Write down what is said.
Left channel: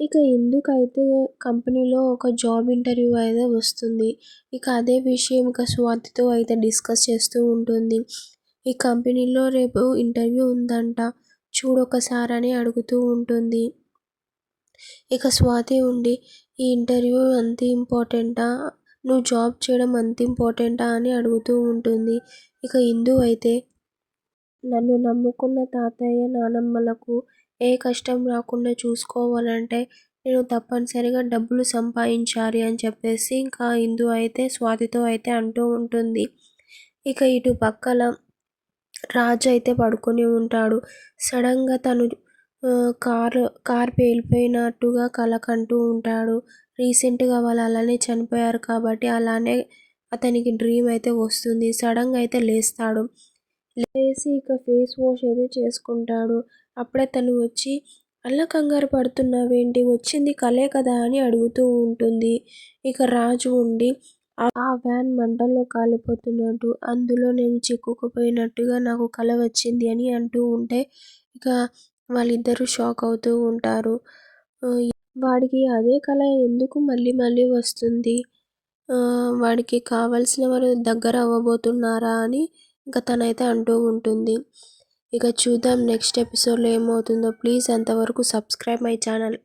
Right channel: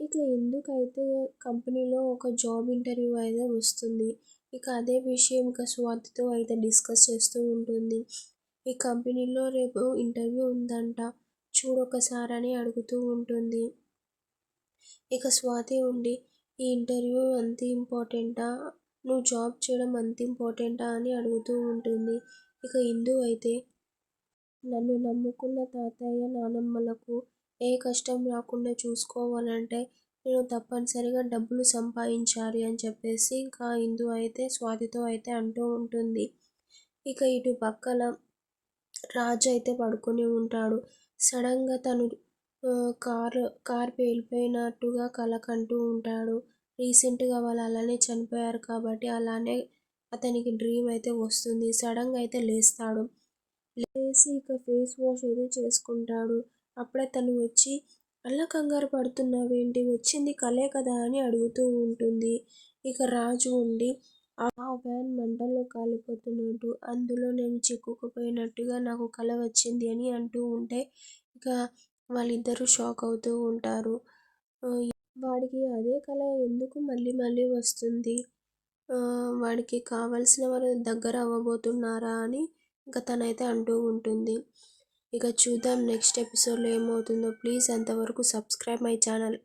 ఇక ఇందుకైతే కంపెనీలో ఒక జాబ్ ఇంటర్వ్యూ అయితే వస్తుంది. ఇక అదే విషయం ఇక స్వాతితో అయితే డిస్కస్ చేస్తూ ఉంటుంది. ఈ కంపెనీలో రేపు ఇంటర్వ్యూ ఉందంట, చూడొకసారి అని అడుగుతూ ఉంటుంది. ఇక స్వాతి ఉండి, ఈ ఇంటర్వ్యూ అంత ఇంపార్టెంటా, నువ్వు జాబ్ చేయడం అంత ఇంపార్టెంటా అని అడుగుతూ ఉంటుంది. ఇక ఇందు అయితే, నన్ను నమ్ముకున్న తాతయ్య నానమ్మలకు ఏ కష్టం రాకుండా చూసుకోవాలంటే నేను తప్పనిసరిగా డబ్బులు సంపాదించాలి అని చెప్పేసి ఇంకా ఇందు అయితే స్వాతితో అయితే అంటూ ఉంటుంది. ఇక ఇటు పక్కల రాజు అయితే పడుకొని ఉంటాడు. సడన్గా తను కార్ పేలిపోయినట్టుగా కల కంటూ ఉంటాడు. రీసెంట్గా వాళ్ళు అలానే చనిపోయారు కాబట్టి అలానే అతనికి డ్రీమ్ అయితే వస్తుంది. సడన్గా అయితే లేస్తాడు. లేసి ఇక ఫేస్ వాష్ అయితే చేసుకుంటాడు. అప్పుడే తను వచ్చి, అలా కంగారు పడుతున్నావేంటి, వచ్చింది కలే కదా అని అడుగుతూ ఉంటుంది. ఇక రాజు ఉండి, ఆ వ్యాన్ మంటల్లో కాలిపోతున్నట్టు, అందులో నేను చిక్కుకుపోయినట్టుగా నాకు కల వచ్చింది అని అంటూ ఉంటే ఇక వాళ్ళిద్దరూ షాక్ అవుతూ ఉంటారు. వాడికి అదే కల ఎందుకు మళ్ళీ మళ్ళీ వస్తుంది, వాడికి కావాల్సిన వారు దగ్గర అవ్వబోతున్నారా అని ఇంకా తనైతే అంటూ ఉంటుంది. ఇక చూద్దాం నెక్స్ట్ ఎపిసోడ్లో ఏమవుతుందో. ప్లీజ్ అంతవరకు సబ్స్క్రైబ్ మై ఛానల్.